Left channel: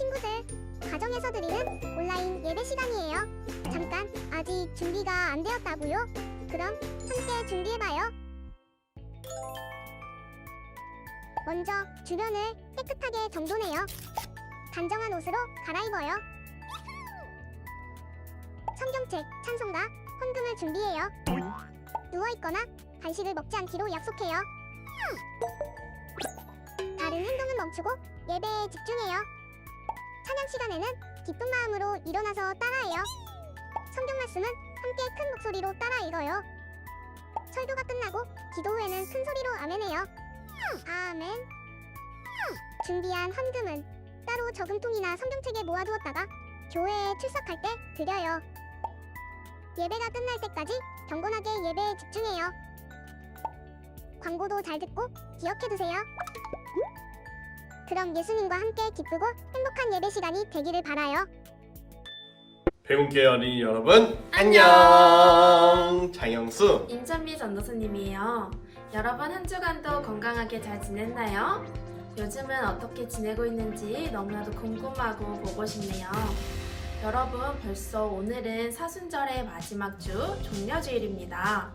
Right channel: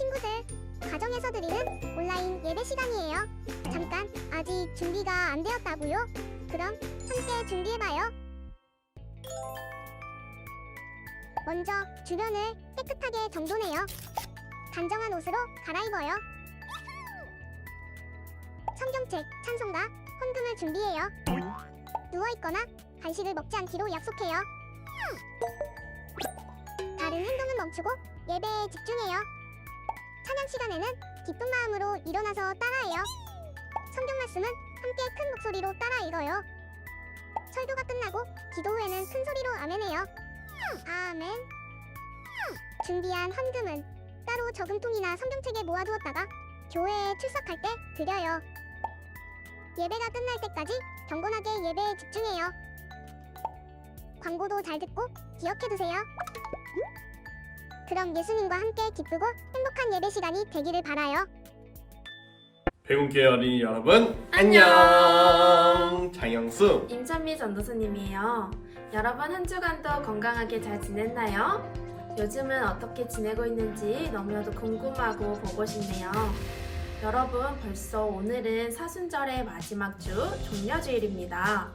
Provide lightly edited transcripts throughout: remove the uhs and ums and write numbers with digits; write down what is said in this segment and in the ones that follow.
친구들, 가정에서 드리는 온라인 예배 시간이에요. 잠깐, 아직 준비가 안 되었다고요? 그럼 함께 준비해봐요. 먼저 주변을 깨끗하게 정돈해요. 단정한 옷으로 갈아입어요. 성경책, 찬송가, 헌금을 준비해요. 누워있거나 간식을 먹지 않기로 약속해요. 다른 행동은 멈추고 예배에 집중해요. 찬양 시간에는 기쁜 마음으로 일어나서 따라해요. 성경 말씀은 함께 큰 목소리로 따라 읽어요. 설교가 끝나고 기도 후에는 큰 소리로 아멘해요. 아멘. 준비한 헌금은 따로 저금통이나 성경책에 모아두었다가 교회에 출석할 때 드려요. 예배가 끝날 때까지 경건하게 예배에 집중해요. 광고도 잘 듣고 기억해두세요. 그럼 예수님과 함께 기쁘고 행복한 예배 시간이 되기를 바라요. 배움교회 어린이 여러분 안녕. 장영수 임찬미 전도사님이에요. 여러분 한 주간도 건강하게 잘 지냈나요? 요즘은 어떻게 지내고 있는지 너무나도 궁금하고 보고 싶네요. 여러분 벌써 오늘은 사순절의 마지막 주 종려주일입니다.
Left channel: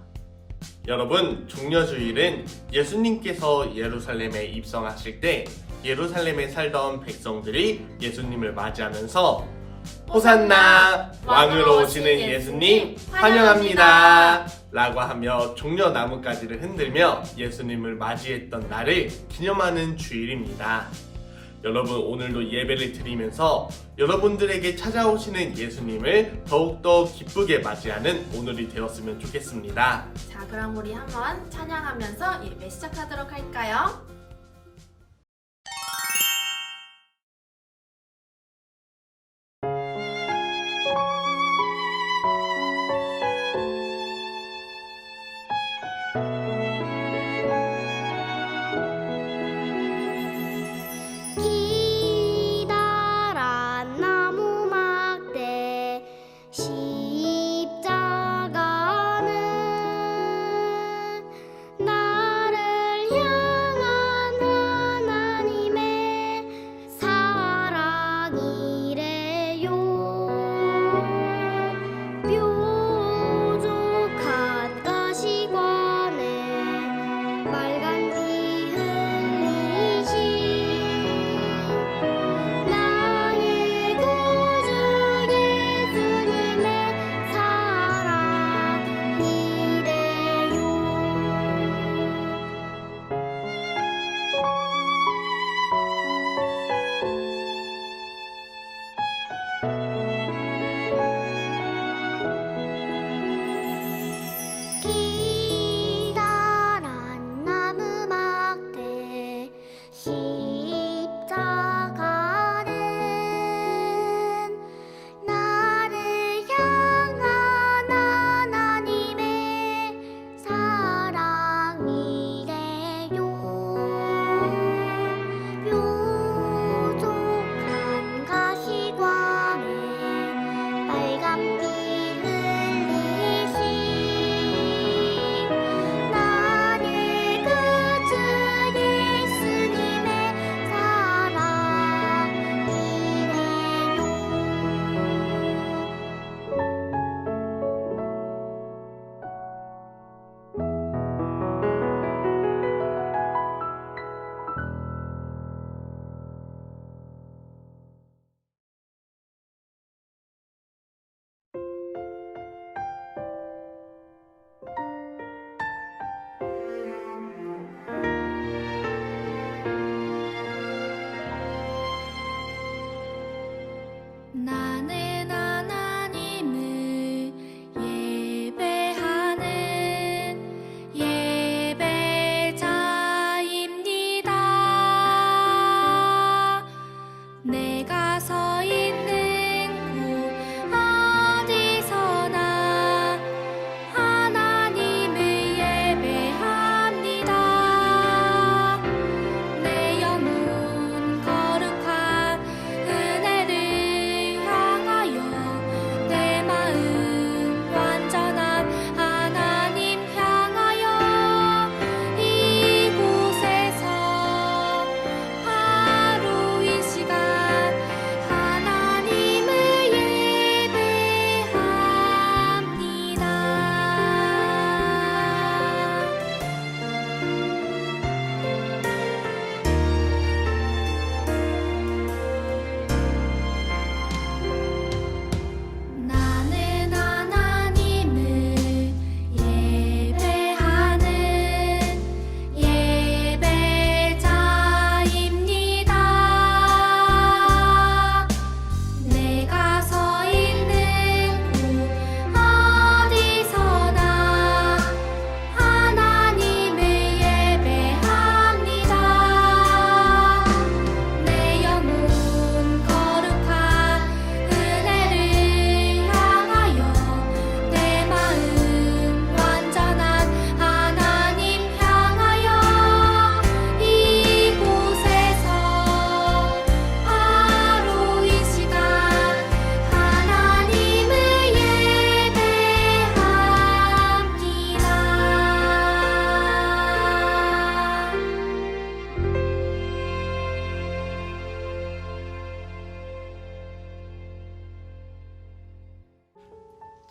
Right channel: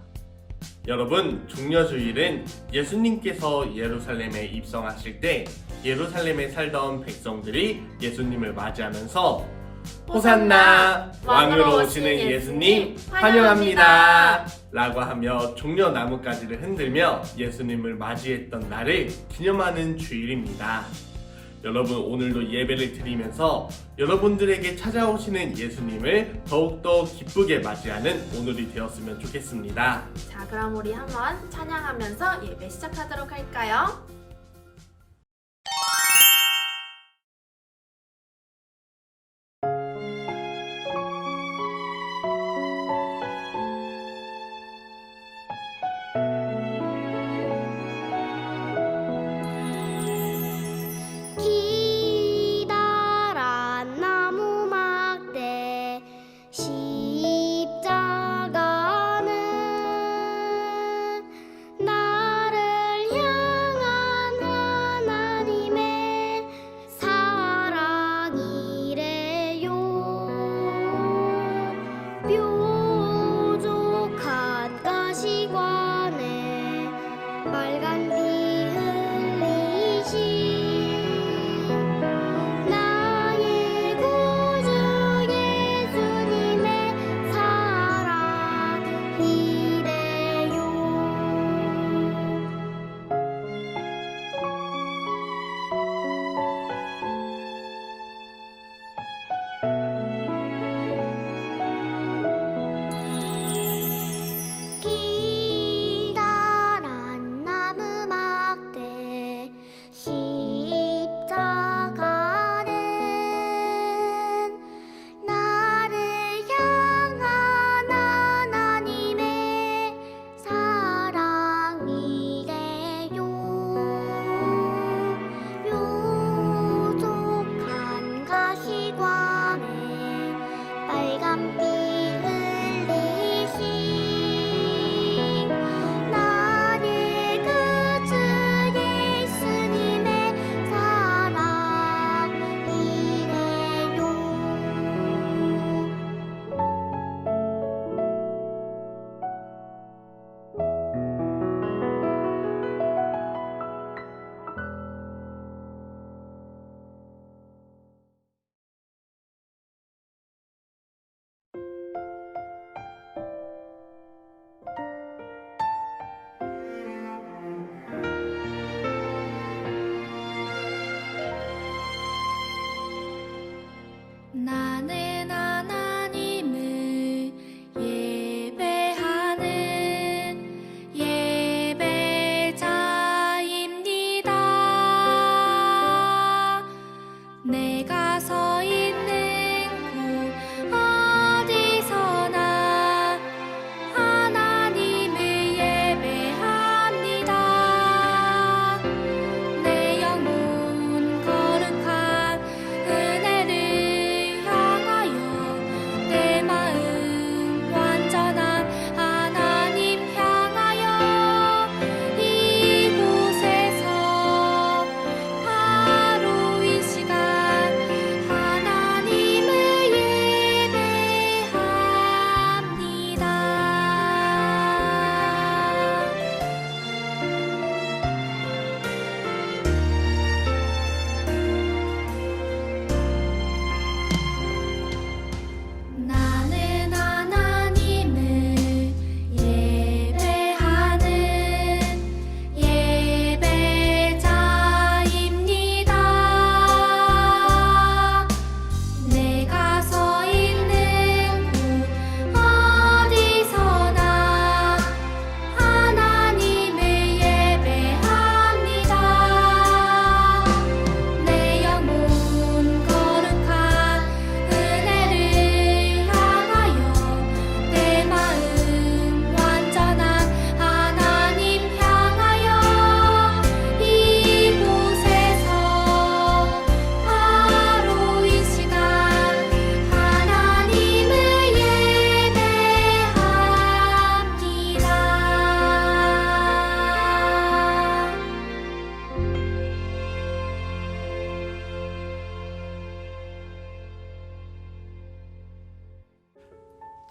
여러분, 종려주일은 예수님께서 예루살렘에 입성하실 때 예루살렘에 살던 백성들이 예수님을 맞이하면서 호산나 왕으로 오시는 예수님 환영합니다 라고 하며 종려나무가지를 흔들며 예수님을 맞이했던 날을 기념하는 주일입니다. 여러분, 오늘도 예배를 드리면서 여러분들에게 찾아오시는 예수님을 더욱더 기쁘게 맞이하는 오늘이 되었으면 좋겠습니다. 자, 그럼 우리 한번 찬양하면서 예배 시작하도록 할까요? 기다란 나무 막대 십자가는 나를 향한 하나님의 사랑이래요. 뾰족한 가시관에 빨간 피 흘리신 나의 구주 예수님의 사랑이래요. 기다란 나무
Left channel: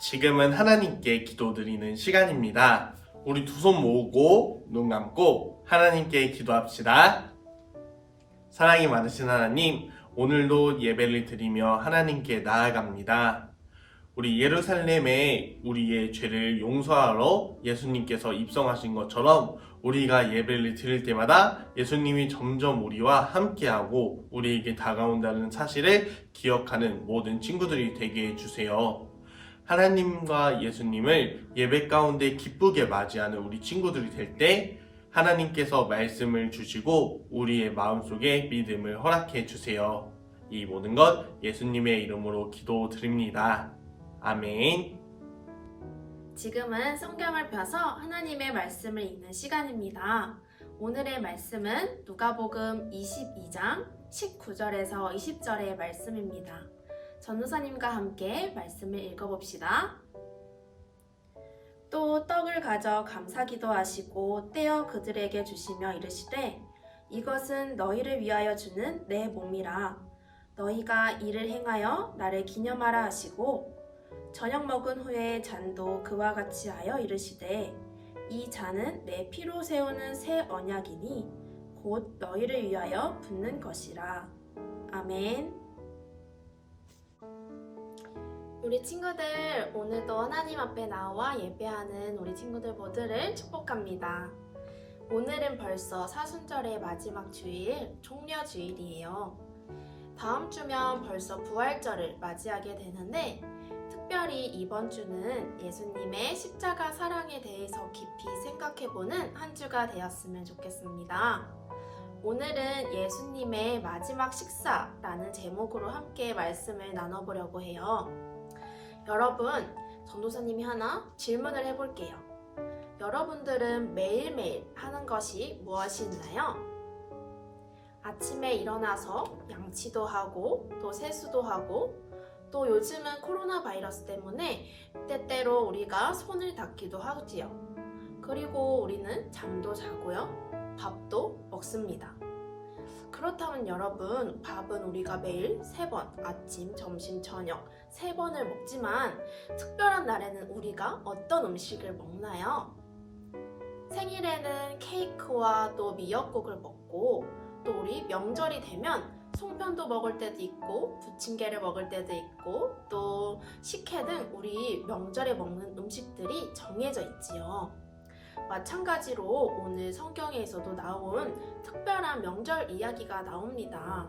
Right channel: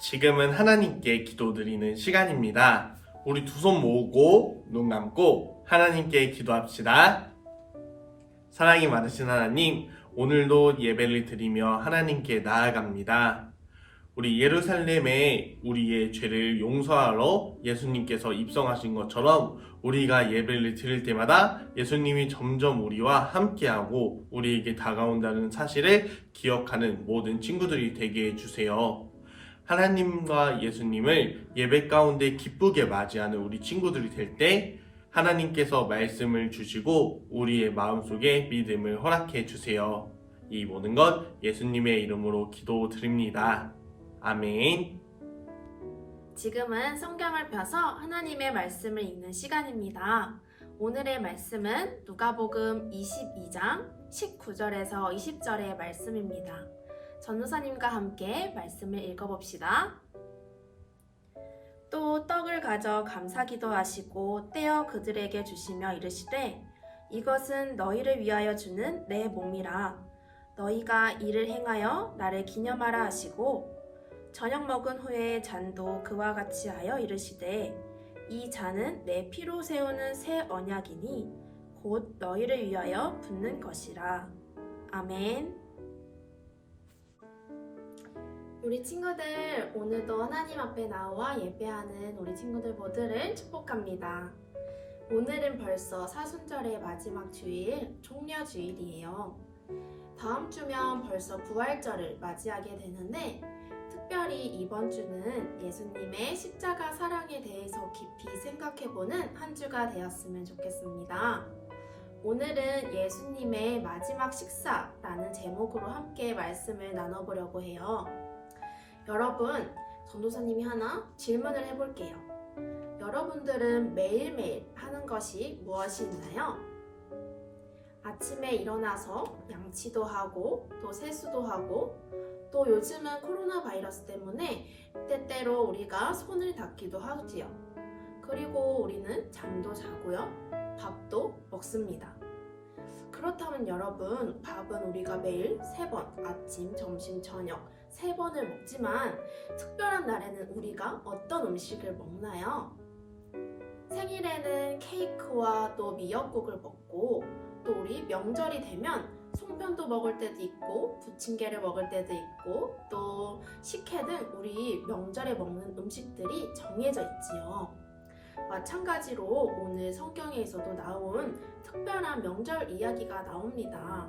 지금은 하나님께 기도드리는 시간입니다. 우리 두 손 모으고 눈 감고 하나님께 기도합시다. 사랑이 많으신 하나님, 오늘도 예배를 드리며 하나님께 나아갑니다. 우리 예루살렘에 우리의 죄를 용서하러 예수님께서 입성하신 것처럼 우리가 예배를 드릴 때마다 예수님이 점점 우리와 함께하고 우리에게 다가온다는 사실을 기억하는 모든 친구들이 되게 해주세요. 하나님과 예수님을 예배 가운데 기쁘게 맞이하는 우리 친구들이 될 때 하나님께서 말씀을 주시고 우리의 마음속에 믿음을 허락해 주세요. 이 모든 것 예수님의 이름으로 기도드립니다. 아멘. 지금은 성경을 펴서 하나님의 말씀을 읽는 시간입니다. 오늘의 말씀은 누가복음 22장 19절에서 20절의 말씀입니다. 전도사님과 함께 말씀을 읽어봅시다. 또 떡을 가져 감사기도 하시고 떼어 그들에게 주시며 이르시되 이것은 너희를 위하여 주는 내 몸이라. 너희가 이를 행하여 나를 기념하라 하시고 저녁 먹은 후에 잔도 그와 같이 하여 이르시되 이 잔은 내 피로 세우는 새 언약이니 곧 너희를 위하여 붓는 것이라. 아멘. 우리 친구들, 오늘도 하나님 앞에 나와 예배하는 우리 친구들 모두를 축복합니다. 오늘은 벌써 사순절의 마지막 주일, 종려주일이에요. 다음 주면 벌써 부활절을 맞이하게 되는데 특별히 이번 주는 예수님의 십자가 사랑에 대해서 깊이 생각해보는 한 주가 되었으면 좋겠습니다. 오늘은 예수님의 마지막 식사라는 제목으로 함께 말씀을 나눠보려고 해요. 여러분, 전도사님이 하나 질문을 해볼게요. 여러분들은 매일매일 하는 것이 무엇이 있나요? 아침에 일어나서 양치도 하고 또 세수도 하고 또 요즘은 코로나 바이러스 때문에 때때로 우리가 손을 닦기도 하지요. 그리고 우리는 잠도 자고요. 밥도 먹습니다. 그렇다면 여러분, 밥은 우리가 매일 3번, 아침, 점심, 저녁 3번을 먹지만 특별한 날에는 우리가 어떤 음식을 먹나요? 생일에는 케이크와 또 미역국을 먹고 또 우리 명절이 되면 송편도 먹을 때도 있고 부침개를 먹을 때도 있고 또 식혜 등 우리 명절에 먹는 음식들이 정해져 있지요. 마찬가지로 오늘 성경에서도 나온 특별한 명절 이야기가 나옵니다.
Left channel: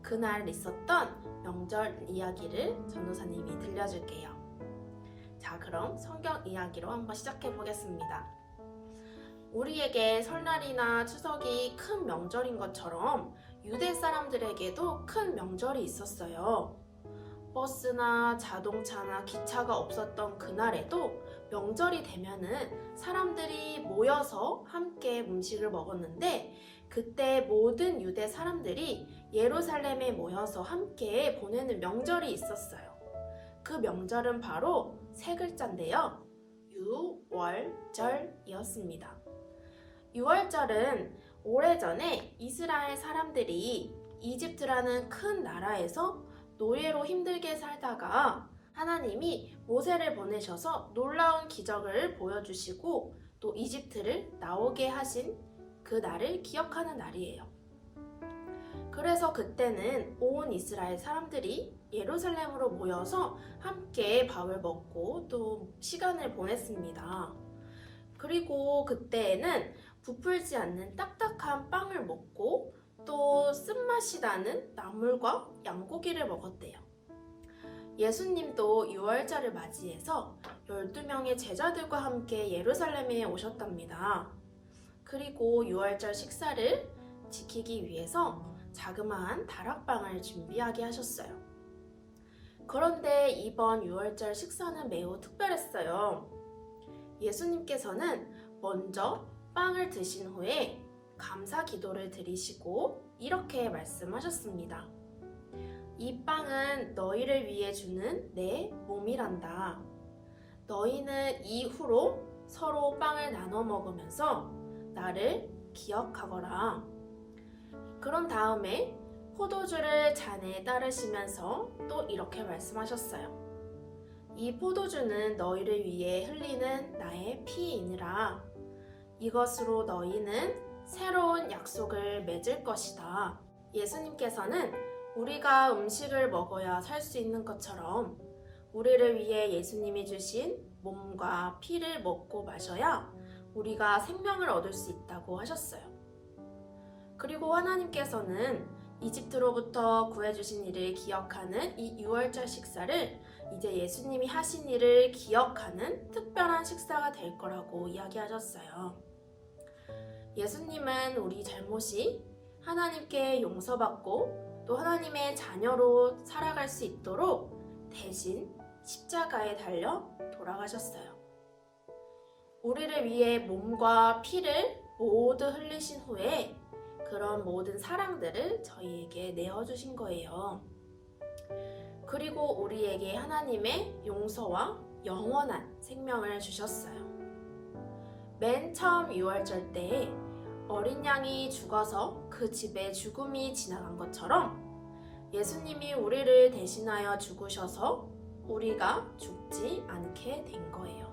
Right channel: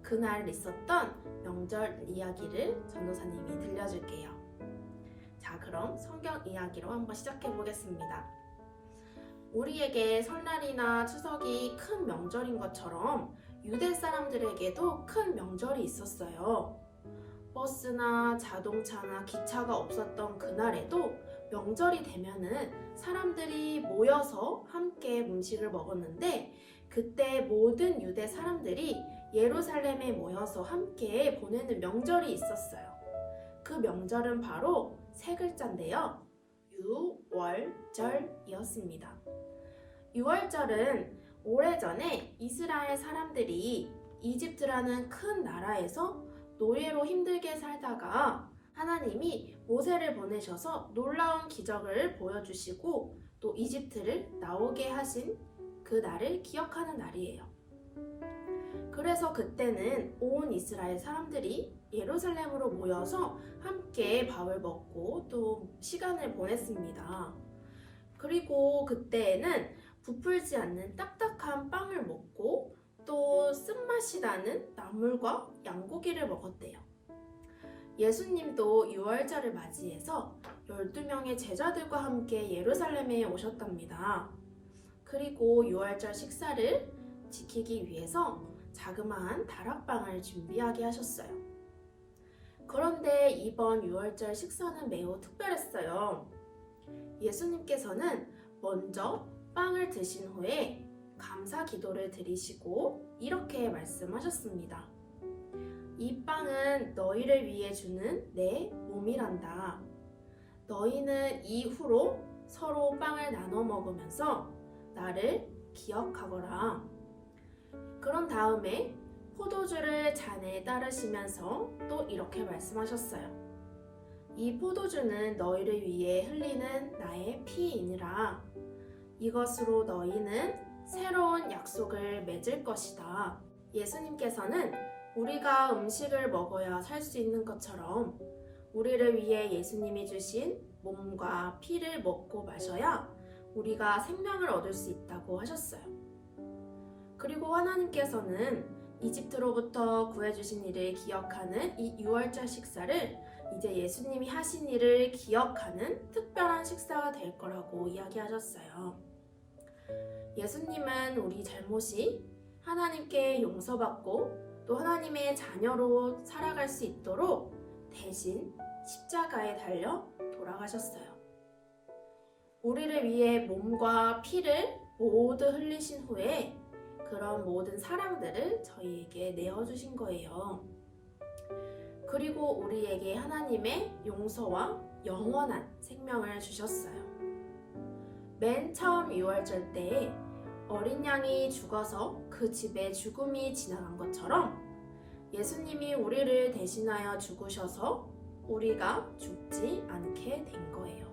그날 있었던 명절 이야기를 전도사님이 들려줄게요. 자, 그럼 성경 이야기로 한번 시작해 보겠습니다. 우리에게 설날이나 추석이 큰 명절인 것처럼 유대 사람들에게도 큰 명절이 있었어요. 버스나 자동차나 기차가 없었던 그날에도 명절이 되면은 사람들이 모여서 함께 음식을 먹었는데 그때 모든 유대 사람들이 예루살렘에 모여서 함께 보내는 명절이 있었어요. 그 명절은 바로 3글자인데요. 유월절이었습니다. 유월절은 오래전에 이스라엘 사람들이 이집트라는 큰 나라에서 노예로 힘들게 살다가 하나님이 모세를 보내셔서 놀라운 기적을 보여주시고 또 이집트를 나오게 하신 그 날을 기억하는 날이에요. 그래서 그때는 온 이스라엘 사람들이 예루살렘으로 모여서 함께 밥을 먹고 또 시간을 보냈습니다. 그리고 그때에는 부풀지 않는 딱딱한 빵을 먹고 또 쓴맛이 나는 나물과 양고기를 먹었대요. 예수님도 유월절을 맞이해서 12명의 제자들과 함께 예루살렘에 오셨답니다. 그리고 유월절 식사를 지키기 위해서 자그마한 다락방을 준비하게 하셨어요. 그런데 이번 유월절 식사는 매우 특별했어요. 예수님께서는 먼저 빵을 드신 후에 감사 기도를 드리시고 이렇게 말씀하셨습니다. 이 빵은 너희를 위해 주는 내 몸이란다. 너희는 이후로 서로 빵을 나눠 먹으면서 나를 기억하거라. 그런 다음에 포도주를 잔에 따르시면서 또 이렇게 말씀하셨어요. 이 포도주는 너희를 위해 흘리는 나의 피이니라. 이것으로 너희는 새로운 약속을 맺을 것이다. 예수님께서는 우리가 음식을 먹어야 살 수 있는 것처럼 우리를 위해 예수님이 주신 몸과 피를 먹고 마셔야 우리가 생명을 얻을 수 있다고 하셨어요. 그리고 하나님께서는 이집트로부터 구해주신 일을 기억하는 이 유월절 식사를 이제 예수님이 하신 일을 기억하는 특별한 식사가 될 거라고 이야기하셨어요. 예수님은 우리 잘못이 하나님께 용서받고 또 하나님의 자녀로 살아갈 수 있도록 대신 십자가에 달려 돌아가셨어요. 우리를 위해 몸과 피를 모두 흘리신 후에 그런 모든 사랑들을 저희에게 내어주신 거예요. 그리고 우리에게 하나님의 용서와 영원한 생명을 주셨어요. 맨 처음 유월절 때에 어린 양이 죽어서 그 집에 죽음이 지나간 것처럼 예수님이 우리를 대신하여 죽으셔서 우리가 죽지 않게 된 거예요.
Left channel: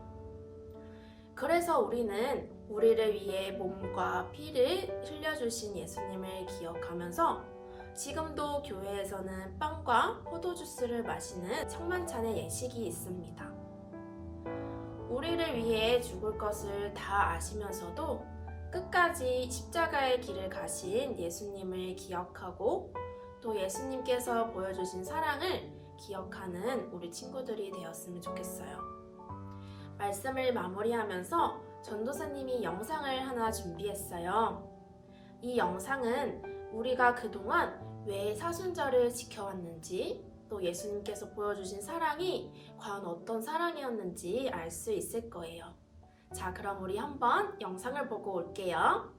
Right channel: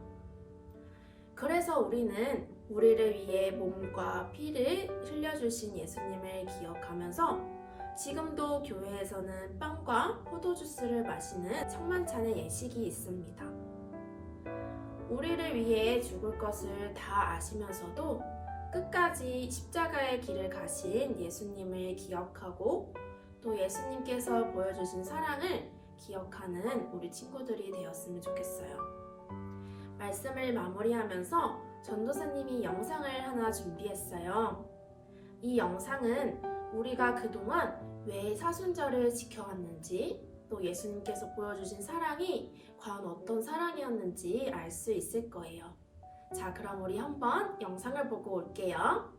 그래서 우리는 우리를 위해 몸과 피를 흘려주신 예수님을 기억하면서 지금도 교회에서는 빵과 포도주스를 마시는 청만찬의 예식이 있습니다. 우리를 위해 죽을 것을 다 아시면서도 끝까지 십자가의 길을 가신 예수님을 기억하고 또 예수님께서 보여주신 사랑을 기억하는 우리 친구들이 되었으면 좋겠어요. 말씀을 마무리하면서 전도사님이 영상을 하나 준비했어요. 이 영상은 우리가 그동안 왜 사순절을 지켜왔는지 또 예수님께서 보여주신 사랑이 과연 어떤 사랑이었는지 알 수 있을 거예요. 자, 그럼 우리 한번 영상을 보고 올게요.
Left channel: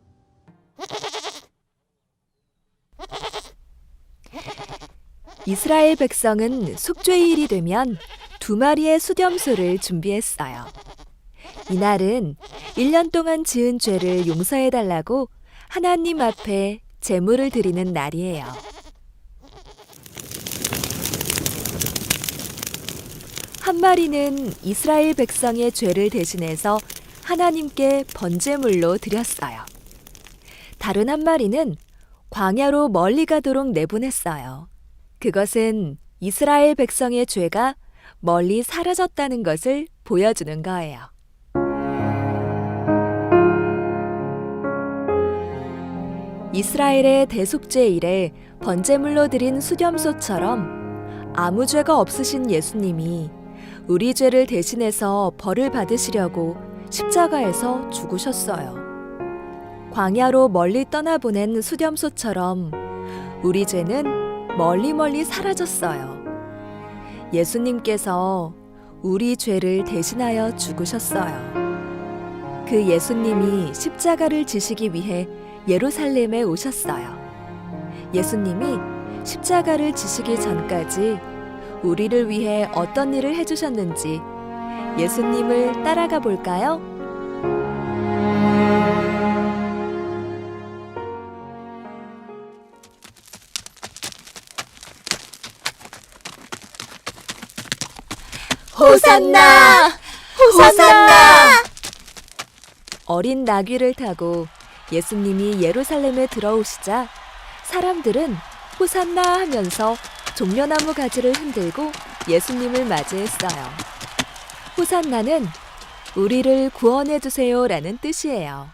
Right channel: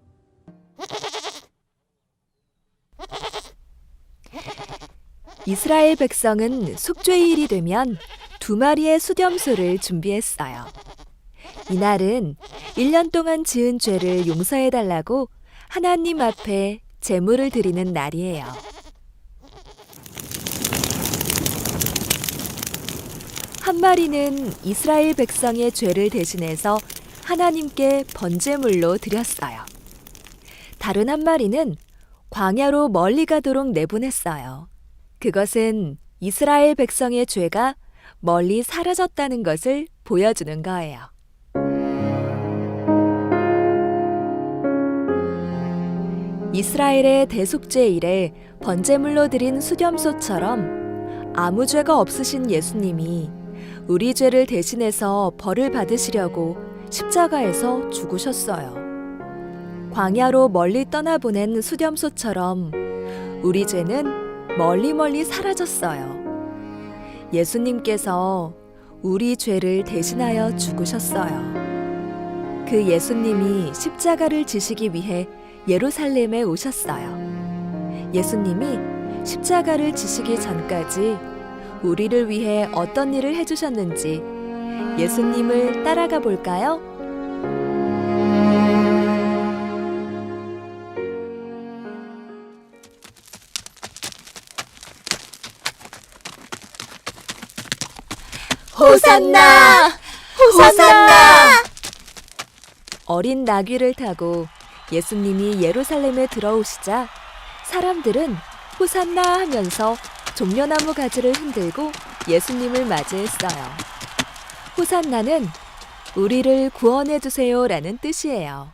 이스라엘 백성은 속죄일이 되면 2마리의 수렴소를 준비했어요. 이날은 1년 동안 지은 죄를 용서해달라고 하나님 앞에 제물을 드리는 날이에요. 한 마리는 이스라엘 백성의 죄를 대신해서 하나님께 번제물로 드렸어요. 다른 한 마리는 광야로 멀리 가도록 내보냈어요. 그것은 이스라엘 백성의 죄가 멀리 사라졌다는 것을 보여주는 거예요. 이스라엘의 대속죄일에 번제물로 드린 수렴소처럼 아무 죄가 없으신 예수님이 우리 죄를 대신해서 벌을 받으시려고 십자가에서 죽으셨어요. 광야로 멀리 떠나보낸 수렴소처럼 우리 죄는 멀리 사라졌어요. 예수님께서 우리 죄를 대신하여 죽으셨어요. 그 예수님이 십자가를 지시기 위해 예루살렘에 오셨어요. 예수님이 십자가를 지시기 전까지 우리를 위해 어떤 일을 해주셨는지 예수님을 따라가 볼까요? 호산나! 호산나! 어린 나귀를 타고 예수님이 예루살렘에 들어오시자 사람들은 호산나 하면서 종려나무 가지를 흔들고 예수님을 맞이했어요. 호산나는 우리를 구원해 주세요라는 뜻이에요.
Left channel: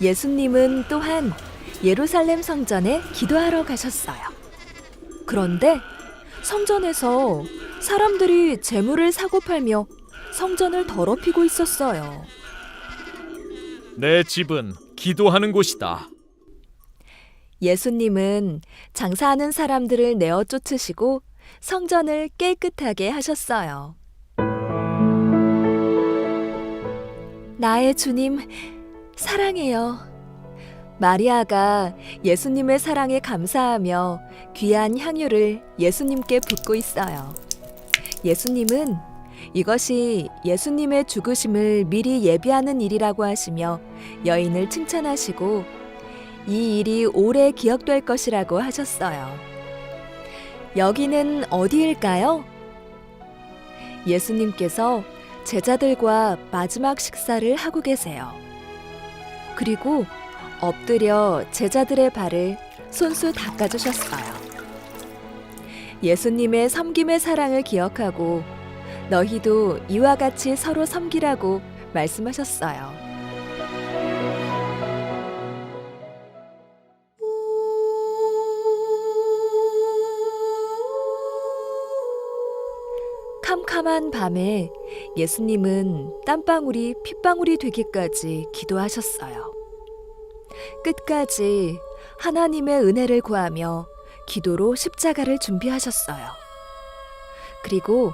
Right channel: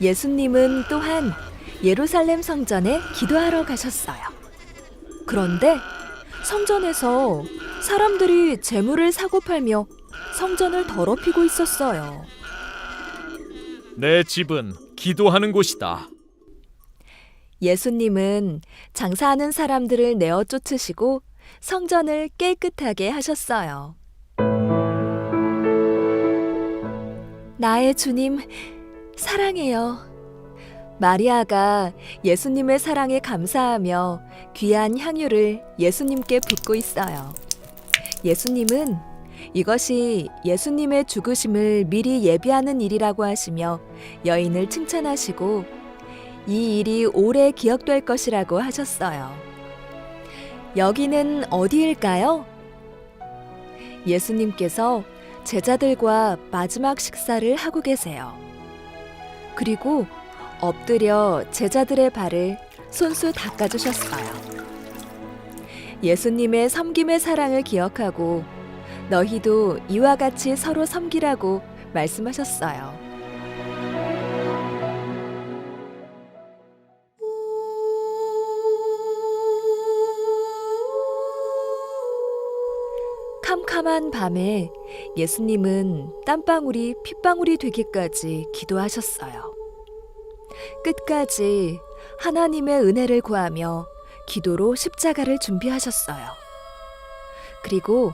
예수님은 또한 예루살렘 성전에 기도하러 가셨어요. 그런데 성전에서 사람들이 재물을 사고 팔며 성전을 더럽히고 있었어요. 내 집은 기도하는 곳이다. 예수님은 장사하는 사람들을 내어 쫓으시고 성전을 깨끗하게 하셨어요. 나의 주님, 사랑해요. 마리아가 예수님의 사랑에 감사하며 귀한 향유를 예수님께 붓고 있어요. 예수님은 이것이 예수님의 죽으심을 미리 예비하는 일이라고 하시며 여인을 칭찬하시고 이 일이 오래 기억될 것이라고 하셨어요. 여기는 어디일까요? 예수님께서 제자들과 마지막 식사를 하고 계세요. 그리고 엎드려 제자들의 발을 손수 닦아주셨어요. 예수님의 섬김의 사랑을 기억하고 너희도 이와 같이 서로 섬기라고 말씀하셨어요. 캄캄한 밤에 예수님은 땀방울이 핏방울이 되기까지 기도하셨어요. 끝까지 하나님의 은혜를 구하며 기도로 십자가를 준비하셨어요. 그리고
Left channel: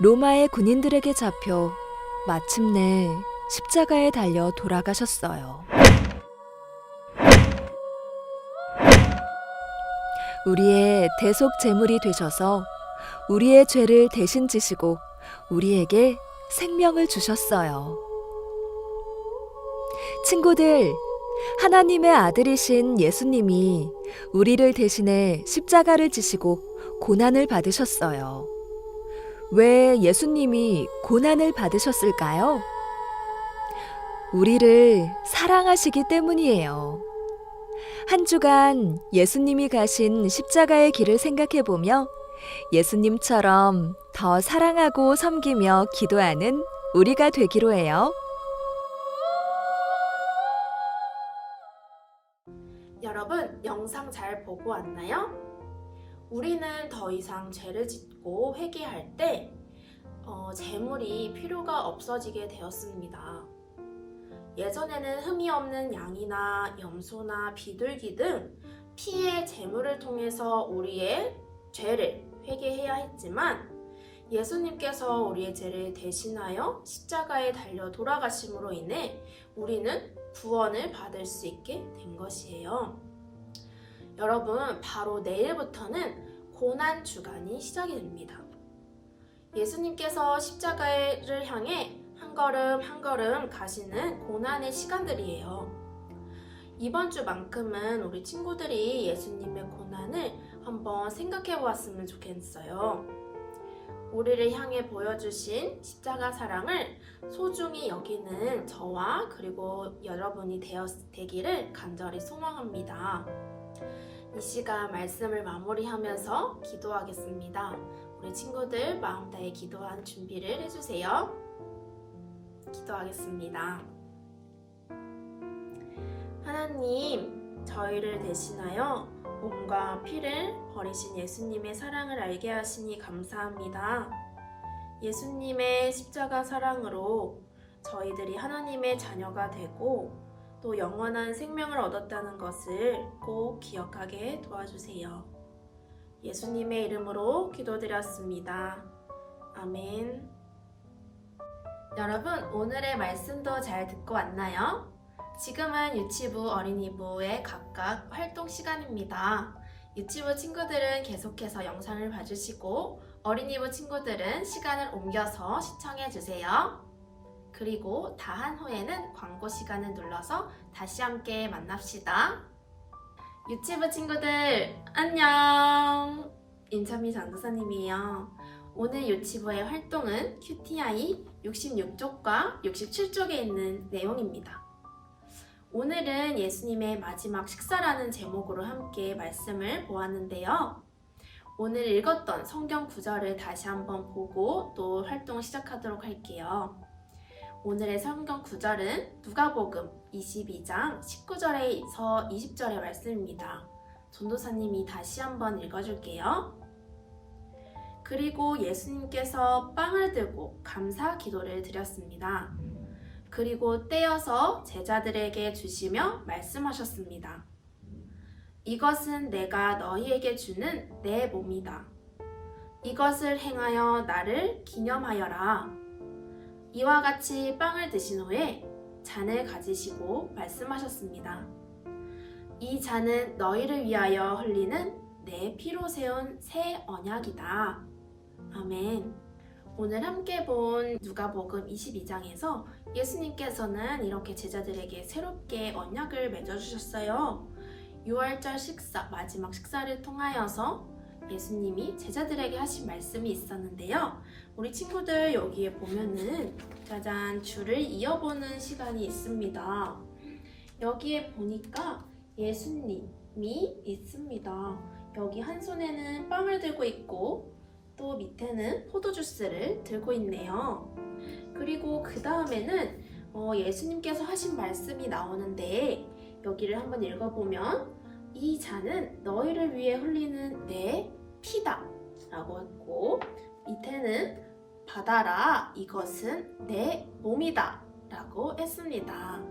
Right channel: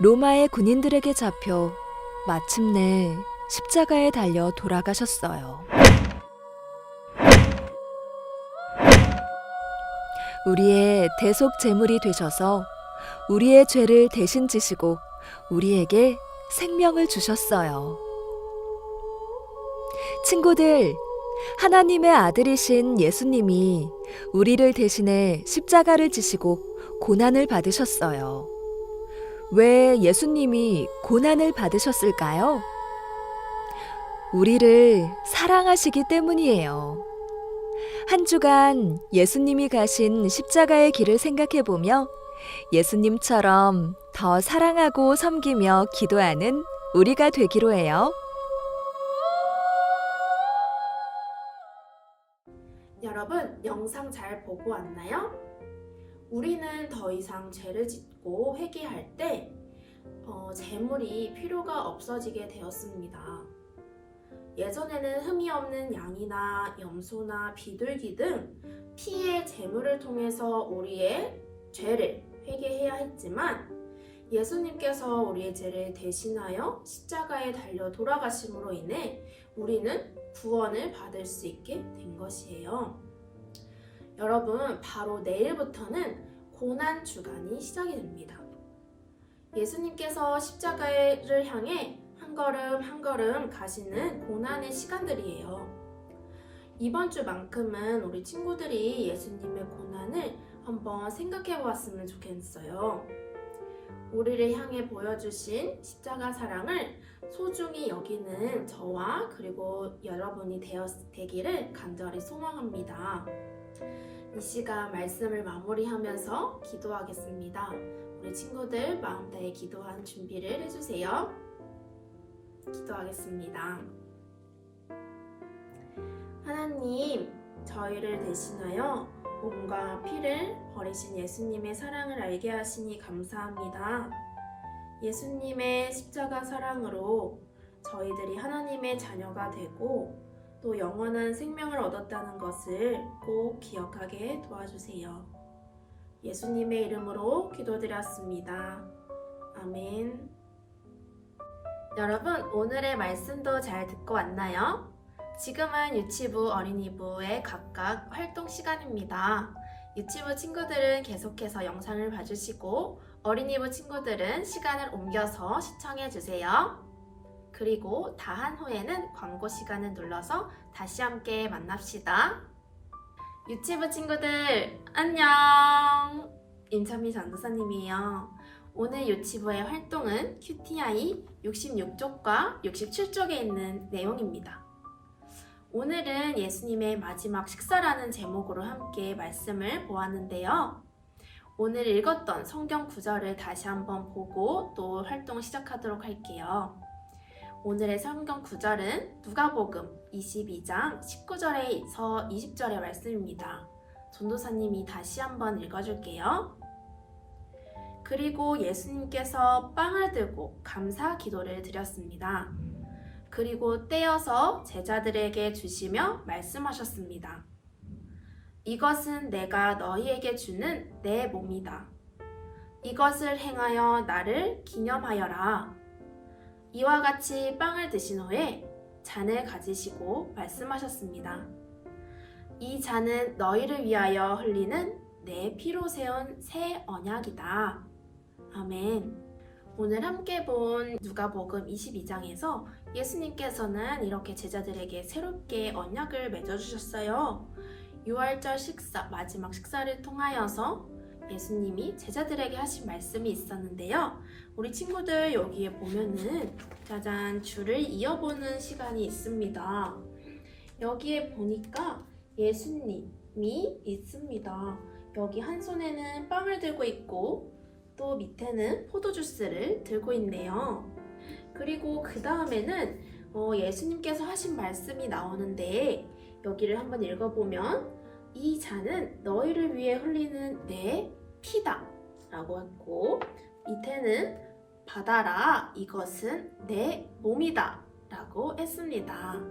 로마의 군인들에게 잡혀 마침내 십자가에 달려 돌아가셨어요. 우리의 대속 제물이 되셔서 우리의 죄를 대신 지시고 우리에게 생명을 주셨어요. 친구들, 하나님의 아들이신 예수님이 우리를 대신해 십자가를 지시고 고난을 받으셨어요. 왜 예수님이 고난을 받으셨을까요? 우리를 사랑하시기 때문이에요. 한 주간 예수님이 가신 십자가의 길을 생각해보며 예수님처럼 더 사랑하고 섬기며 기도하는 우리가 되기로 해요. 여러분, 영상 잘 보고 왔나요? 우리는 더 이상 죄를 짓고 회개할 때 제물이 필요가 없어지게 되었습니다. 예전에는 흠이 없는 양이나 염소나 비둘기 등 피의 제물을 통해서 우리의 죄를 회개해야 했지만 예수님께서 우리의 죄를 대신하여 십자가에 달려 돌아가심으로 인해 우리는 구원을 받을 수 있게 된 것이에요. 여러분, 바로 내일부터는 고난 주간이 시작이 됩니다. 예수님께서 십자가를 향해 한 걸음 한 걸음 가시는 고난의 시간들이에요. 이번 주만큼은 우리 친구들이 예수님의 고난을 한번 생각해 보았으면 좋겠어요. 우리를 향해 보여주신 십자가 사랑을 소중히 여기는 저와 그리고 여러분이 되기를 간절히 소망합니다. 이 시간 말씀을 마무리하면서 기도하겠습니다. 우리 친구들 마음 다해 기도한 준비를 해주세요. 기도하겠습니다. 하나님, 저희를 대신하여 몸과 피를 버리신 예수님의 사랑을 알게 하시니 감사합니다. 예수님의 십자가 사랑으로 저희들이 하나님의 자녀가 되고 또 영원한 생명을 얻었다는 것을 꼭 기억하게 도와주세요. 예수님의 이름으로 기도드렸습니다. 아멘. 여러분, 오늘의 말씀도 잘 듣고 왔나요? 지금은 유치부, 어린이부의 각각 활동 시간입니다. 유치부 친구들은 계속해서 영상을 봐주시고 어린이부 친구들은 시간을 옮겨서 시청해주세요. 그리고 다 한 후에는 광고 시간을 눌러서 다시 함께 만납시다. 유치부 친구들 안녕! 임찬미 전도사님이에요. 오늘 유치부의 활동은 QTI 66쪽과 67쪽에 있는 내용입니다. 오늘은 예수님의 마지막 식사라는 제목으로 함께 말씀을 보았는데요. 오늘 읽었던 성경 구절을 다시 한번 보고 또 활동 시작하도록 할게요. 오늘의 성경 구절은 누가복음 22장 19절에서 20절의 말씀입니다. 전도사님이 다시 한번 읽어줄게요. 그리고 예수님께서 빵을 들고 감사 기도를 드렸습니다. 그리고 떼어서 제자들에게 주시며 말씀하셨습니다. 이것은 내가 너희에게 주는 내 몸이다. 이것을 행하여 나를 기념하여라. 이와 같이 빵을 드신 후에 잔을 가지시고 말씀하셨습니다. 이 잔은 너희를 위하여 흘리는 내 피로 세운 새 언약이다. 아멘. 오늘 함께 본 누가복음 22장에서 예수님께서는 이렇게 제자들에게 새롭게 언약을 맺어주셨어요. 유월절 식사, 마지막 식사를 통하여서 예수님이 제자들에게 하신 말씀이 있었는데요. 우리 친구들 여기에 보면은 짜잔 줄을 이어보는 시간이 있습니다. 여기에 보니까 예수님이 있습니다. 여기 한 손에는 빵을 들고 있고 또 밑에는 포도주스를 들고 있네요. 그리고 그 다음에는 예수님께서 하신 말씀이 나오는데 여기를 한번 읽어보면 이 잔은 너희를 위해 흘리는 내 피다 라고 했고 밑에는 받아라 이것은 내 몸이다 라고 했습니다.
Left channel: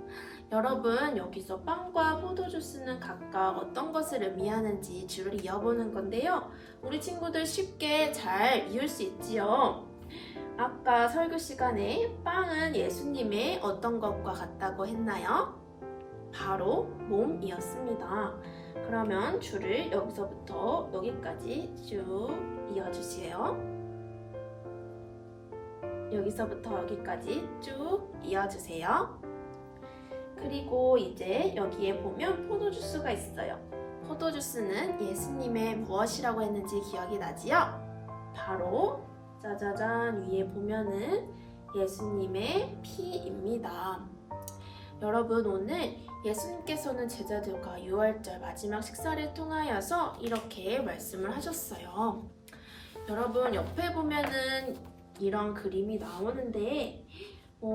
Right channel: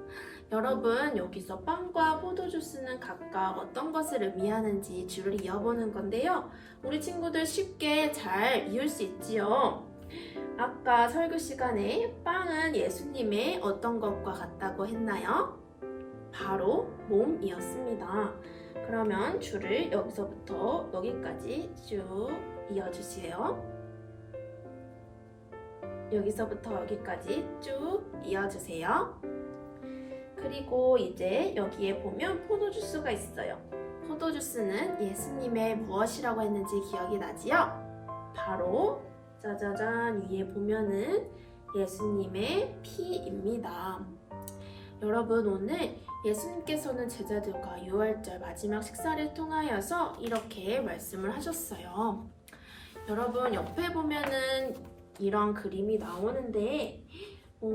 여러분 여기서 빵과 포도주스는 각각 어떤 것을 의미하는지 줄을 이어보는 건데요. 우리 친구들 쉽게 잘 이을 수 있지요. 아까 설교 시간에 빵은 예수님의 어떤 것과 같다고 했나요? 바로 몸이었습니다. 그러면 줄을 여기서부터 여기까지 쭉 이어주세요. 여기서부터 여기까지 쭉 이어주세요. 그리고 이제 여기에 보면 포도주스가 있어요. 포도주스는 예수님의 무엇이라고 했는지 기억이 나지요? 바로 짜자잔 위에 보면은 예수님의 피입니다. 여러분 오늘 예수님께서는 제자들과 유월절 마지막 식사를 통하여서 이렇게 말씀을 하셨어요. 여러분 옆에 보면은 이런 그림이 나오는데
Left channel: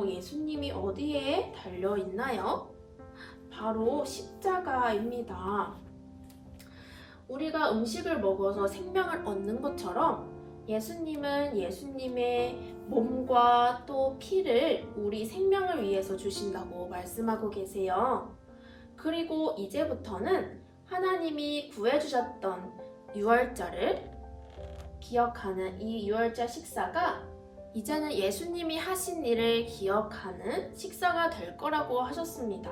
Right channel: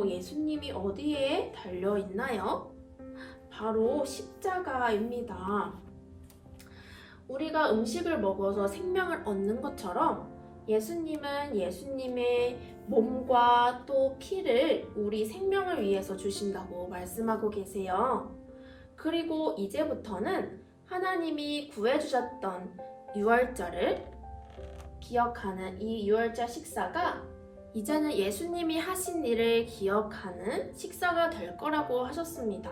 예수님이 어디에 달려 있나요? 바로 십자가입니다. 우리가 음식을 먹어서 생명을 얻는 것처럼 예수님은 예수님의 몸과 또 피를 우리 생명을 위해서 주신다고 말씀하고 계세요. 그리고 이제부터는 하나님이 구해주셨던 유월절을 기억하는 이 유월절 식사가 이제는 예수님이 하신 일을 기억하는 식사가 될 거라고 하셨습니다.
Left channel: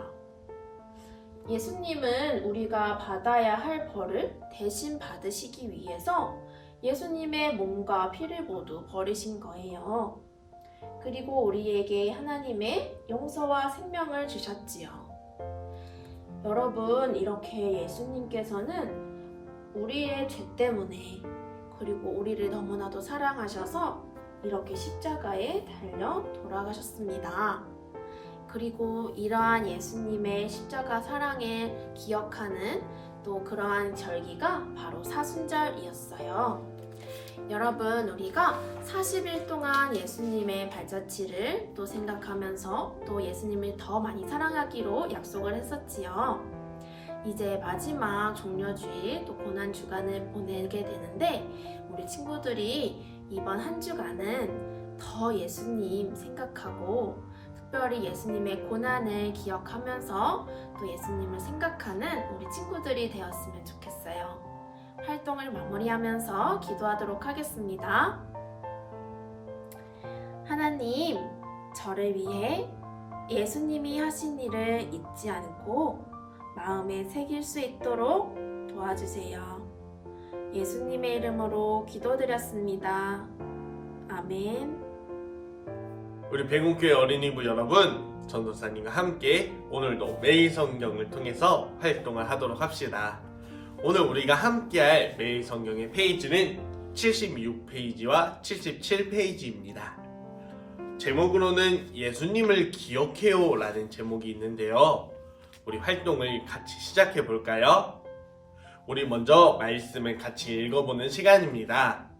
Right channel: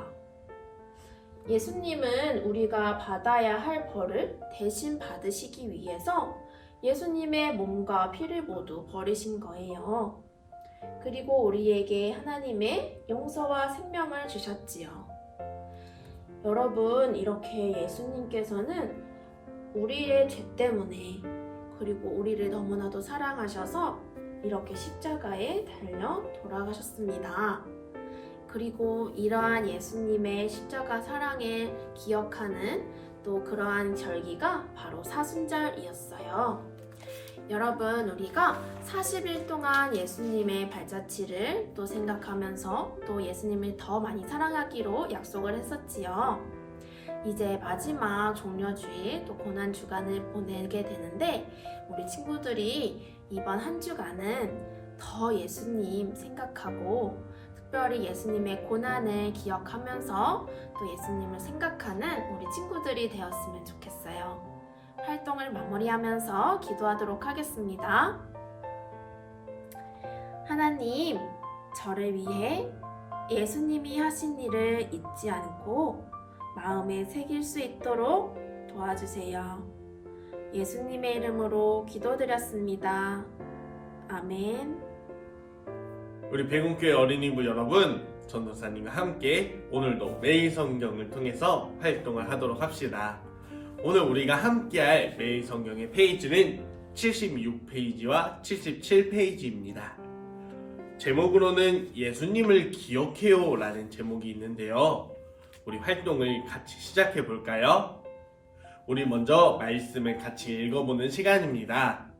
예수님은 우리가 받아야 할 벌을 대신 받으시기 위해서 예수님의 몸과 피를 모두 버리신 거예요. 그리고 우리에게 하나님의 용서와 생명을 주셨지요. 여러분, 이렇게 예수님께서는 우리의 죄 때문에 그리고 우리를 너무나도 사랑하셔서 이렇게 십자가에 달려 돌아가셨습니다. 그리고 이러한 예수님의 십자가 사랑을 기억하는 또 그러한 절기가 바로 사순절이었어요. 여러분, 우리가 40일 동안 예수님의 발자취를 또 생각하면서 또 예수님을 더 많이 사랑하기로 약속을 했었지요. 이제 마지막 종려주일 또 고난주간을 보내게 되는데 우리 친구들이 이번 한 주간은 더 예수님 생각하고 특별히 예수님의 고난을 기억하면서 또 예수님을 생각하는 우리 친구들이 되었으면 좋겠어요. 활동을 마무리하면서 기도하도록 하겠습니다. 하나님, 저를 위해 예수님이 하신 일을 잊지 않고 마음에 새길 수 있도록 도와주세요. 예수님의 이름으로 기도드렸습니다. 아멘. 우리 백운교회 어린이부 여러분, 전도사님과 함께 오늘도 매일 성경을 통해서 활동을 하도록 합시다. 오늘 우리가 함께할 매일 성경의 페이지는 76페이지와 77페이지입니다. 제목으로는 예수님을 기억해요 라는 제목이 있는데요. 우리 활동을 같이 시작해 볼까요? 우리 먼저 말씀을 같이 읽어보는 시간입니다.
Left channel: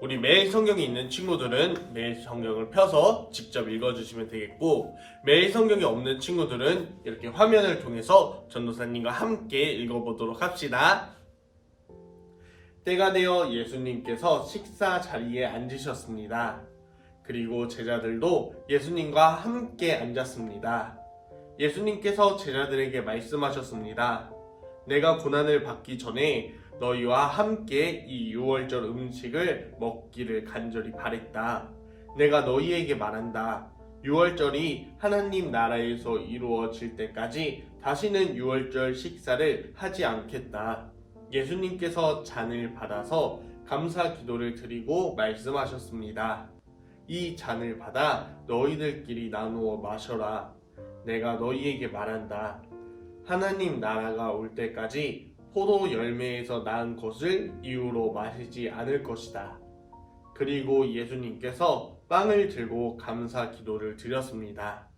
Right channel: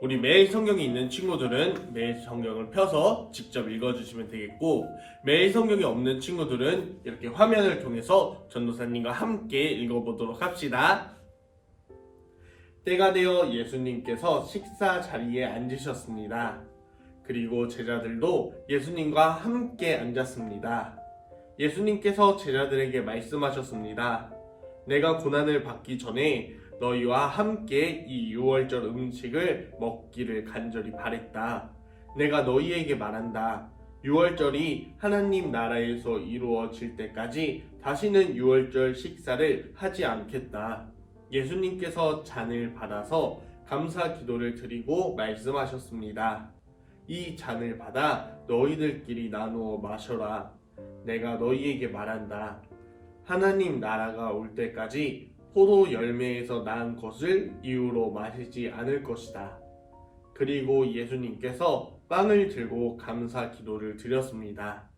우리 매일 성경이 있는 친구들은 매일 성경을 펴서 직접 읽어주시면 되겠고, 매일 성경이 없는 친구들은 이렇게 화면을 통해서 전도사님과 함께 읽어보도록 합시다. 때가 되어 예수님께서 식사 자리에 앉으셨습니다. 그리고 제자들도 예수님과 함께 앉았습니다. 예수님께서 제자들에게 말씀하셨습니다. 내가 고난을 받기 전에 너희와 함께 이 유월절 음식을 먹기를 간절히 바랬다. 내가 너희에게 말한다. 유월절이 하나님 나라에서 이루어질 때까지 다시는 유월절 식사를 하지 않겠다. 예수님께서 잔을 받아서 감사 기도를 드리고 말씀하셨습니다. 이 잔을 받아 너희들끼리 나누어 마셔라. 내가 너희에게 말한다. 하나님 나라가 올 때까지 포도 열매에서 낳은 것을 이유로 마시지 않을 것이다. 그리고 예수님께서 빵을 들고 감사 기도를 드렸습니다.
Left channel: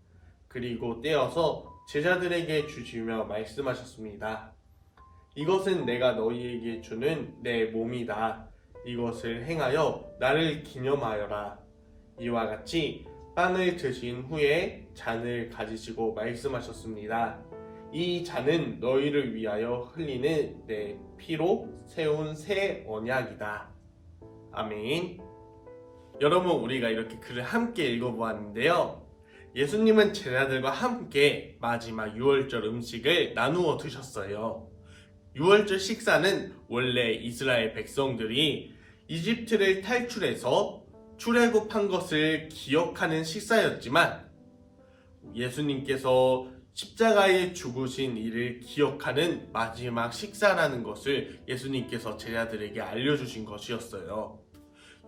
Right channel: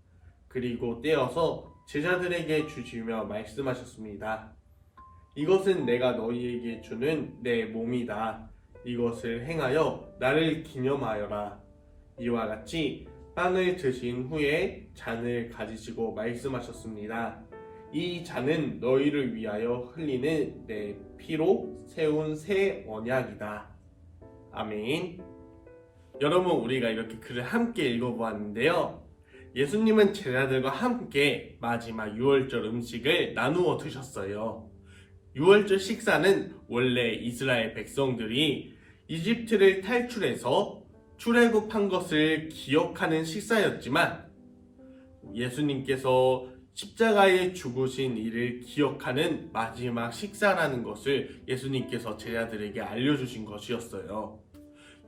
그리고 떼어서 제자들에게 주시며 말씀하셨습니다. 이것은 내가 너희에게 주는 내 몸이다. 이것을 행하여 나를 기념하여라. 이와 같이 빵을 드신 후에 잔을 가지시고 말씀하셨습니다. 이 잔은 너희를 위하여 흘리는 내 피로 세운 새 언약이다. 아멘. 여러분, 우리가 이렇게 글을 함께 읽어보았는데요. 예수님은 제자들과 함께 마지막 유월절 음식을 나누어 드셨어요. 유월절 식사는 원래 이스라엘 백성들이 이집트를 탈출해서 출애굽한 것을 기억하는 식사였지만 예수님께서 십자가에 죽으신 일을 기억하는 마지막 식사라는 것을 예수님께서 제자들에게 알려주신 것이었어요.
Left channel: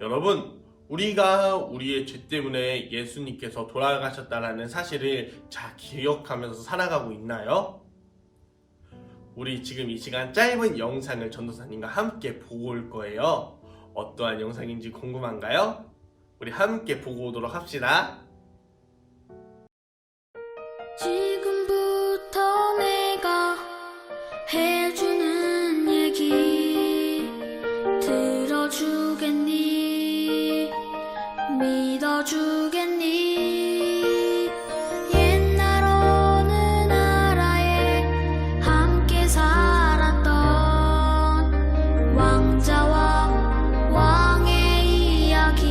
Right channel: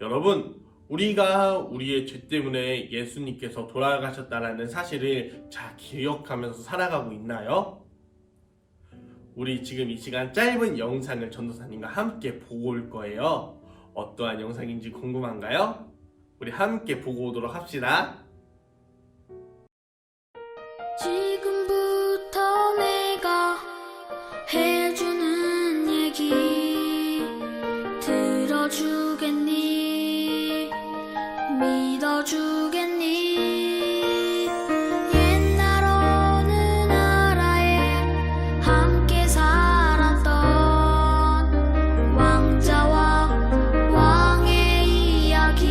여러분, 우리가 우리의 죄 때문에 예수님께서 돌아가셨다는 사실을 잘 기억하면서 살아가고 있나요? 우리 지금 이 시간 짧은 영상을 전도사님과 함께 보고 올 거예요. 어떠한 영상인지 궁금한가요? 우리 함께 보고 오도록 합시다. 지금부터 내가 해주는 얘기 들어주겠니? 믿어주겠니? 옛날 어느 나라에 함께 살았던 왕자와 왕의 이야기.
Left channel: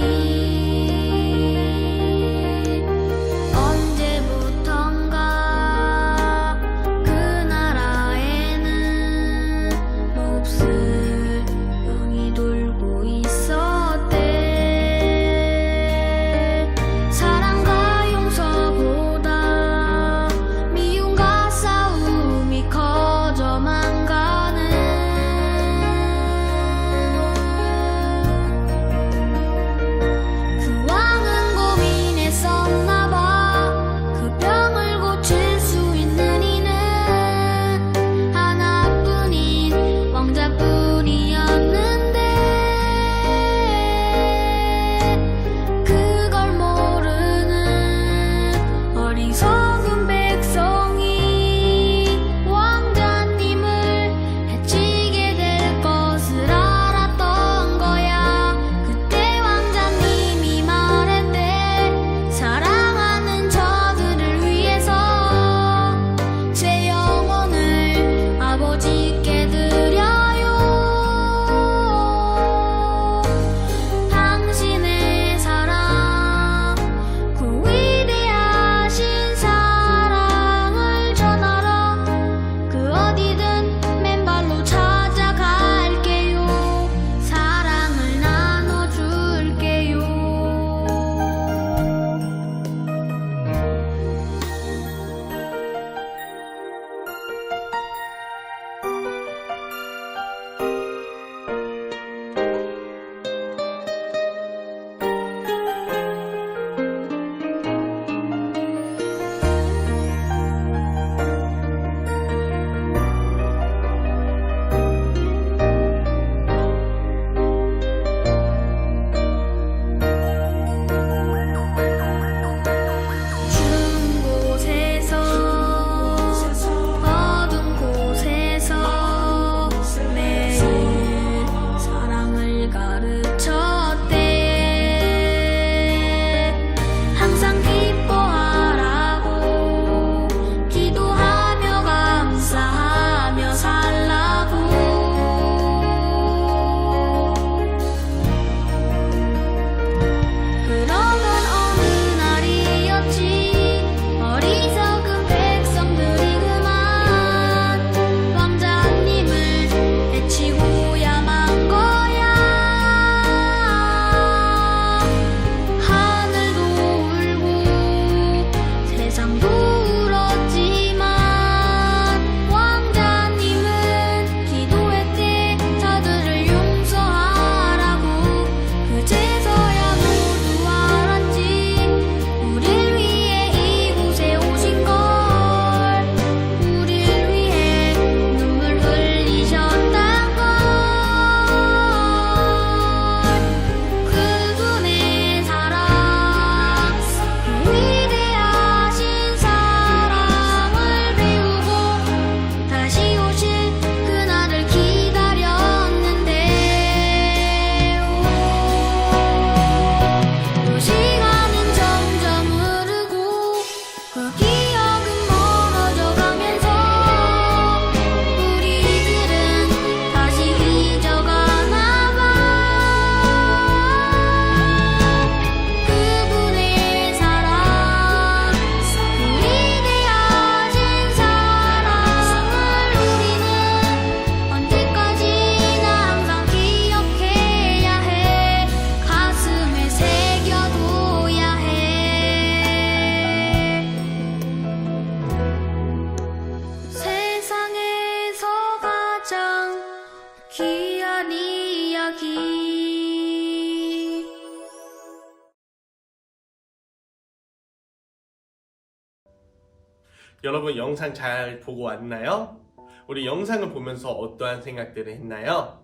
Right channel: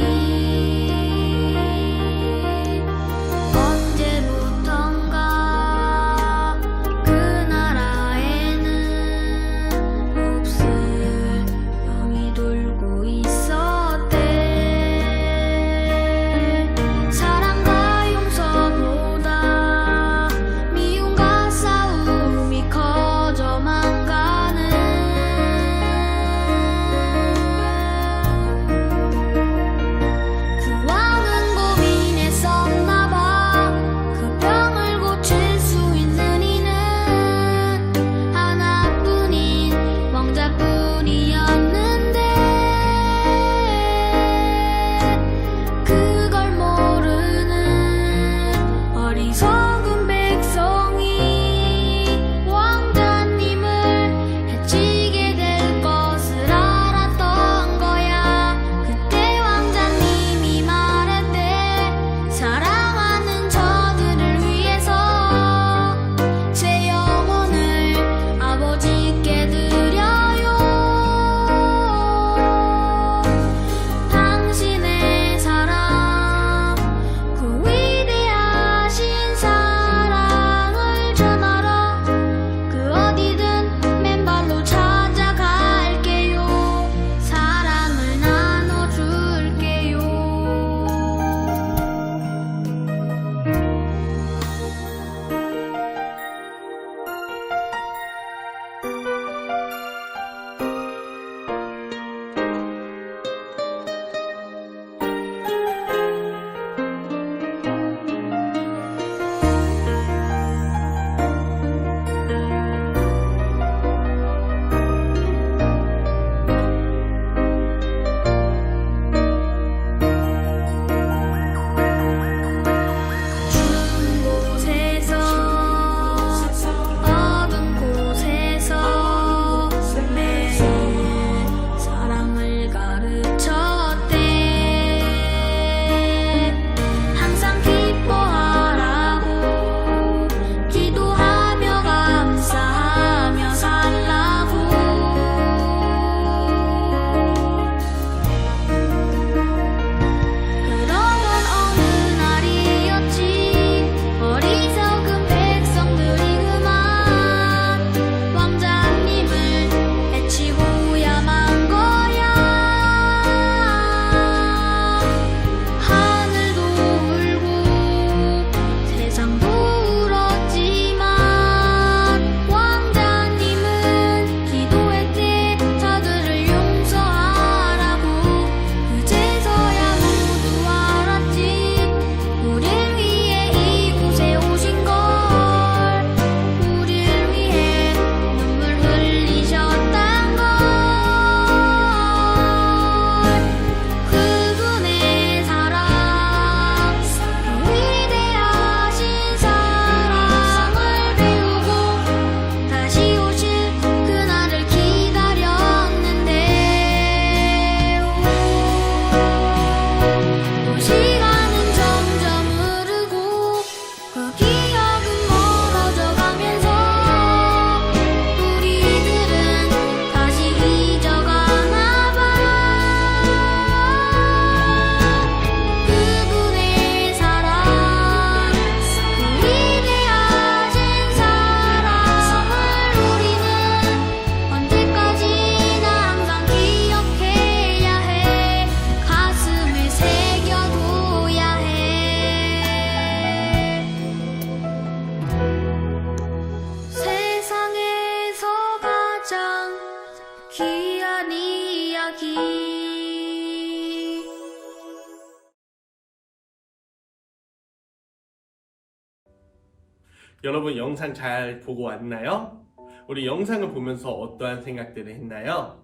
여러분 영상 잘 보고 왔나요? 우리 영상을 보면서 어떠한 생각들을 했나요?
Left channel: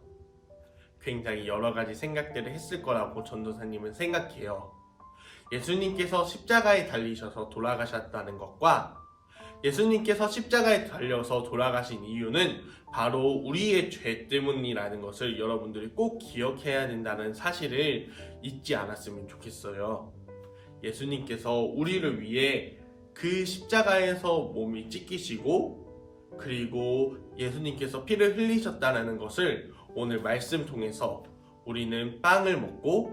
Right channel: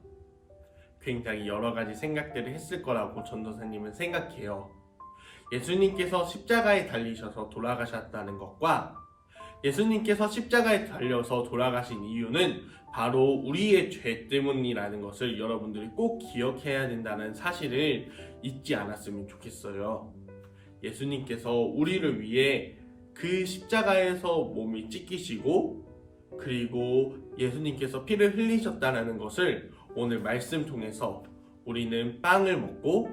굉장히 여러 가지 생각들을 했을 거라고 전도사님은 생각해요. 예수님께서 십자가에 달리셔서 돌아가셨다는 것과 예수님께서 십자가에 달려서 돌아가신 이유는 바로 우리의 죄 때문이라는 것을 여러분들이 꼭 기억해야 된다는 사실을 잊지 않았으면 좋겠어요. 예수님께서 우리를 위해 그 십자가에서 몸이 찢기시고 그리고 예수님께서 피를 흘리셨다는 것을 오늘 말씀 통해서 우리는 빵을 먹고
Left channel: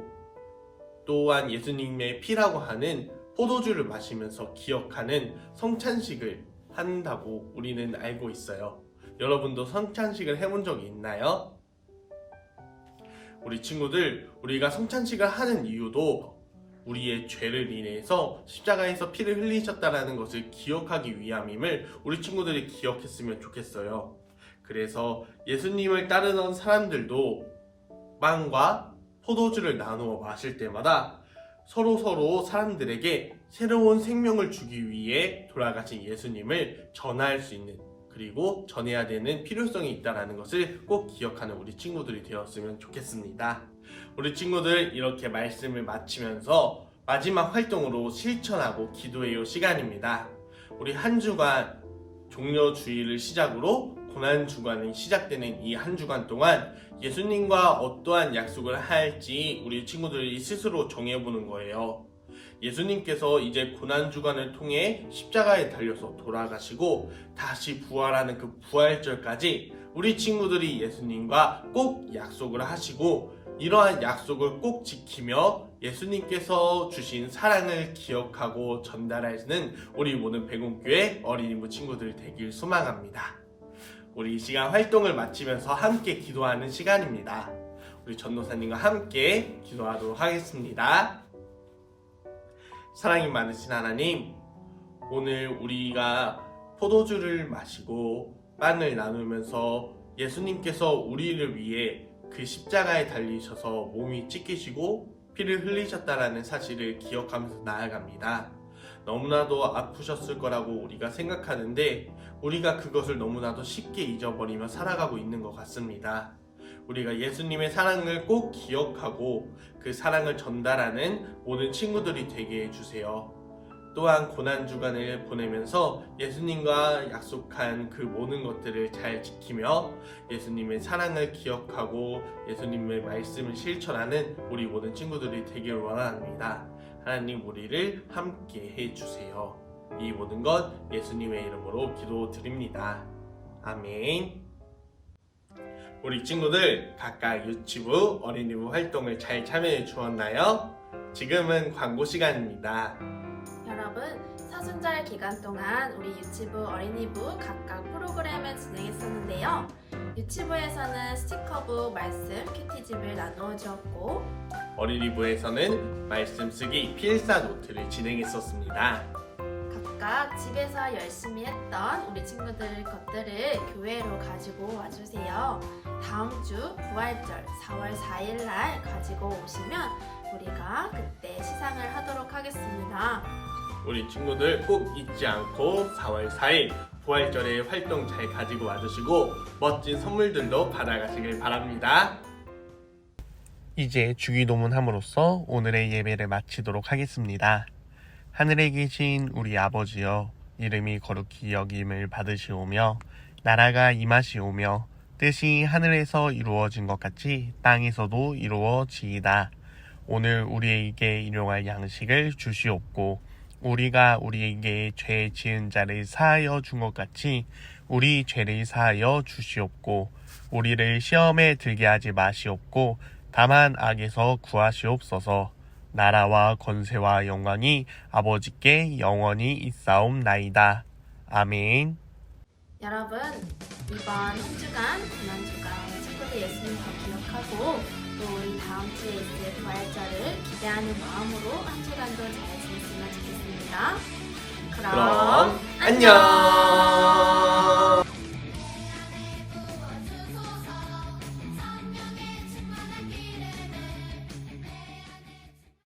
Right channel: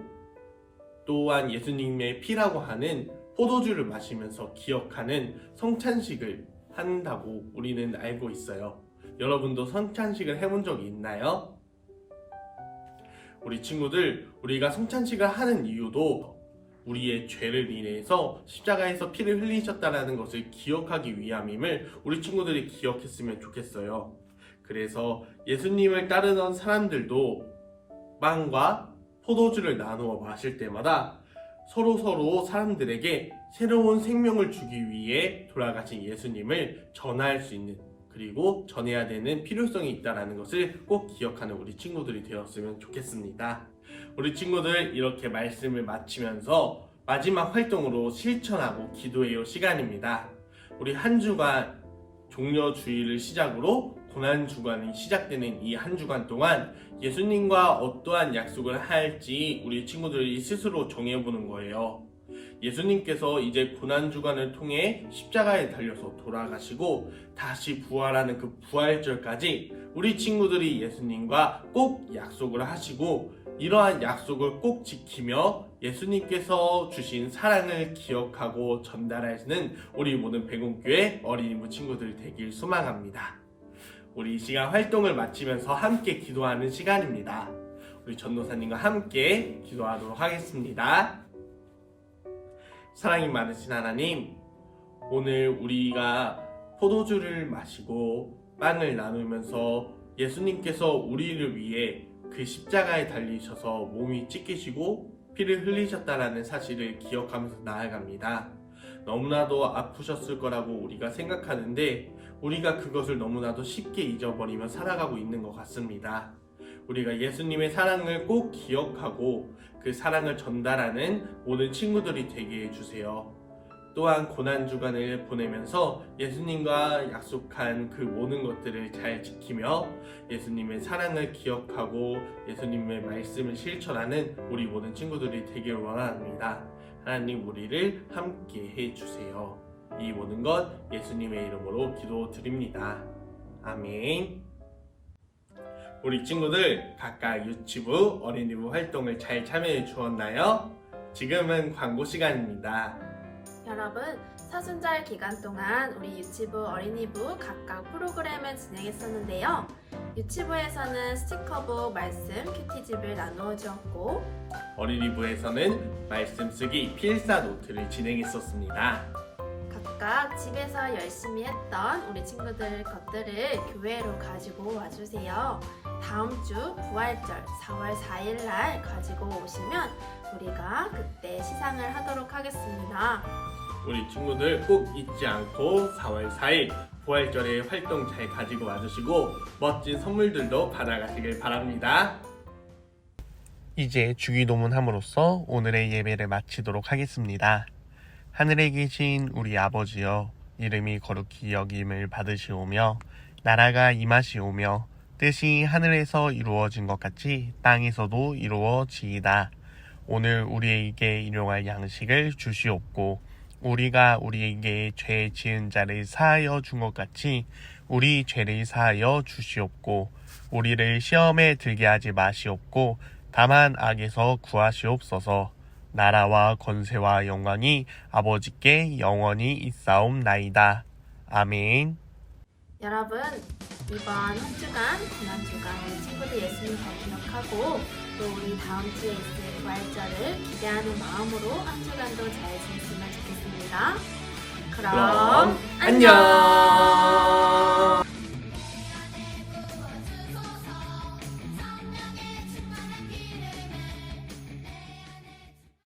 또한 예수님의 피라고 하는 포도주를 마시면서 기억하는 성찬식을 한다고 우리는 알고 있어요. 여러분도 성찬식을 해본 적이 있나요? 우리 친구들, 우리가 성찬식을 하는 이유도 우리의 죄를 인해서 십자가에서 피를 흘리셨다는 것을 기억하기 위함임을 우리 친구들이 기억했으면 좋겠어요. 그래서 예수님을 따르던 사람들도 빵과 포도주를 나누어 마실 때마다 서로 사람들에게 새로운 생명을 주기 위해 돌아가신 예수님을 전할 수 있는, 그리고 전해야 되는 필요성이 있다는 것을 꼭 기억하는 우리 친구들이 되었으면 좋겠습니다. 우리 친구들, 이렇게 말씀을 마치면서 마지막 활동으로 실천하고 기도해요 시간입니다. 우리 한 주간 종려주일을 시작으로 고난주간이 시작되는 이 한 주간 동안 예수님과 어떠한 약속을 할지 우리 친구들이 스스로 정해보는 거예요. 예수님께서 이제 고난주간을 통해 십자가에 달려서 돌아가시고 다시 부활하는 그 부활절까지 우리 친구들이 예수님과 꼭 약속을 하시고 이러한 약속을 꼭 지키며 예수님께서 주신 사랑을 기억하고 전달하시는 우리 모든 백운교회 어린이부 친구들 되길 소망합니다. 우리 이 시간 활동을 마치면서 함께 기도하는 시간입니다. 우리 전도사님과 함께 기도하도록 하겠습니다. 사랑이 많으신 하나님, 오늘 우리가 포도주를 마시고 빵을 나누면서 예수님께서 우리를 위해 그 십자가에 달리셔서 몸이 찢기시고 피를 흘리셨다라는 사실을 기억하면서 나아갑니다. 너무나도 아프셨을 거라고 우리가 생각하는데 우리가 그것을 너무나도 쉽게 잊어버리며 살아가고 있는 것 같습니다. 우리가 예수님의 사랑을 꼭 기억하고 그 사랑을 전달하는 모든 친구들이 되게 해주세요. 또한 고난주간을 보내면서 예수님과 약속한 그 모든 것들을 잘 지키며 예수님의 사랑을 기억하고 예수님의 말씀을 실천하는 우리 모든 친구들이 되길 원합니다. 하나님, 우리를 함께 해주세요. 이 모든 것 예수님의 이름으로 기도드립니다. 아멘. 우리 친구들 각각 유치부, 어린이부 활동을 잘 참여해 주었나요? 지금은 광고 시간입니다. 여러분, 사순절 기간 동안 우리 유치부, 어린이부 각각 프로그램을 진행했었는데요. 유치부에서는 스티커북, 말씀, 큐티집을 나누어 주었고 어린이부에서는 말씀 쓰기 필사 노트를 진행했었습니다. 각각 집에서 열심히 했던 우리 친구들 것들을 교회로 가지고 와주세요. 다음 주 부활절 4월 4일 날 가지고 오시면 우리가 그때 시상을 하도록 하겠습니다. 우리 친구들 꼭 잊지 않고 4월 4일 부활절에 활동 잘 가지고 와주시고 멋진 선물들도 받아가시길 바랍니다. 이제 주기도문함으로써 오늘의 예배를 마치도록 하겠습니다. 하늘에 계신 우리 아버지여, 이름이 거룩히 여김을 받으시오며 나라가 임하시오며 뜻이 하늘에서 이루어진 것 같이 땅에서도 이루어지이다. 오늘 우리에게 일용할 양식을 주시옵고 우리가 우리에게 죄 지은 자를 사하여 준 것 같이 우리 죄를 사하여 주시옵고 우리를 시험에 들게 하지 마시옵고 다만 악에서 구하시옵소서. 나라와 권세와 영광이 아버지께 영원히 있사옵나이다. 아멘. 여러분, 이번 한 주간 고난주간 우리 친구들 예수님 더 기억하고 또 우리 다음 주에 있을 부활절을 기대하는 마음으로 한 주간도 잘 지냈으면 좋겠습니다. 그럼 안녕.